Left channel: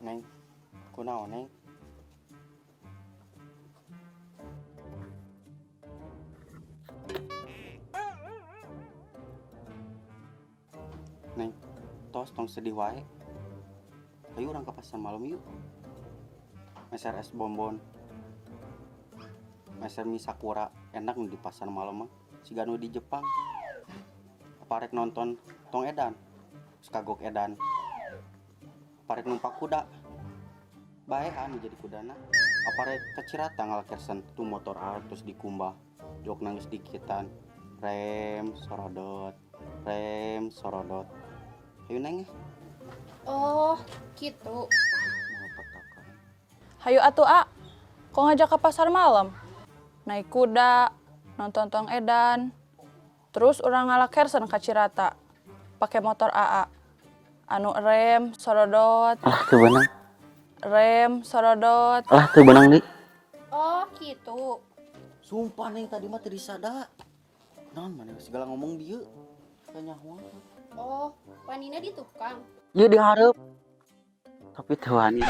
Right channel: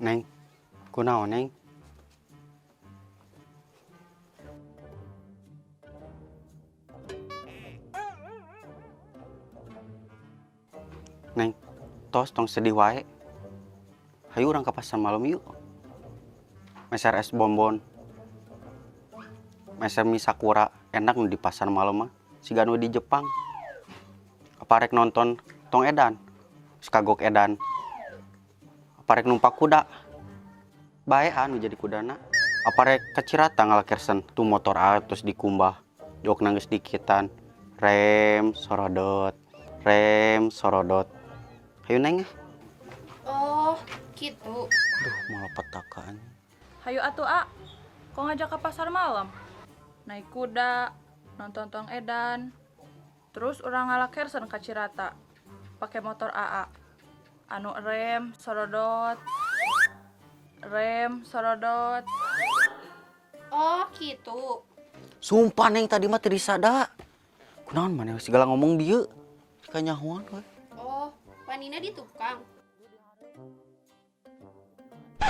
Neng, kunaon Neng? Neng, tos tong sedih wae. Hayu urang ke pasar malam yuk. Meser es bonbon. Meser mie sakura, enak nu di pasar malam mah. Siga nu di Jepang. Aparek nonton tong edan. Sekagok edan. Aparek numpak kuda. Baean jadi kudana. Aparek kacirata ngalakersen tuh motor terus dikumbah. Jok nangis dikitan. Rem sorodot. Rem sorodot. Hayu Neng. Oh, gitu. Aduh, malah petakan. Hayu atuh A, kok ngajak ke pasar malam? Naik kuda, nonton tong edan, terus urang ngalakersen ka Cirata, pakai motor AA. Anu rem, sorodot, Ah, tuh benang. rem, sorodot. Ah, tuh benang nih. Oh, gitu. Sumpah Neng tadi mah teu disada. Kunaon maneh segala ngomong dieu. Kanyahoan we. Oh, panina di tukang. Ieu dihareup. Tapi teu wani.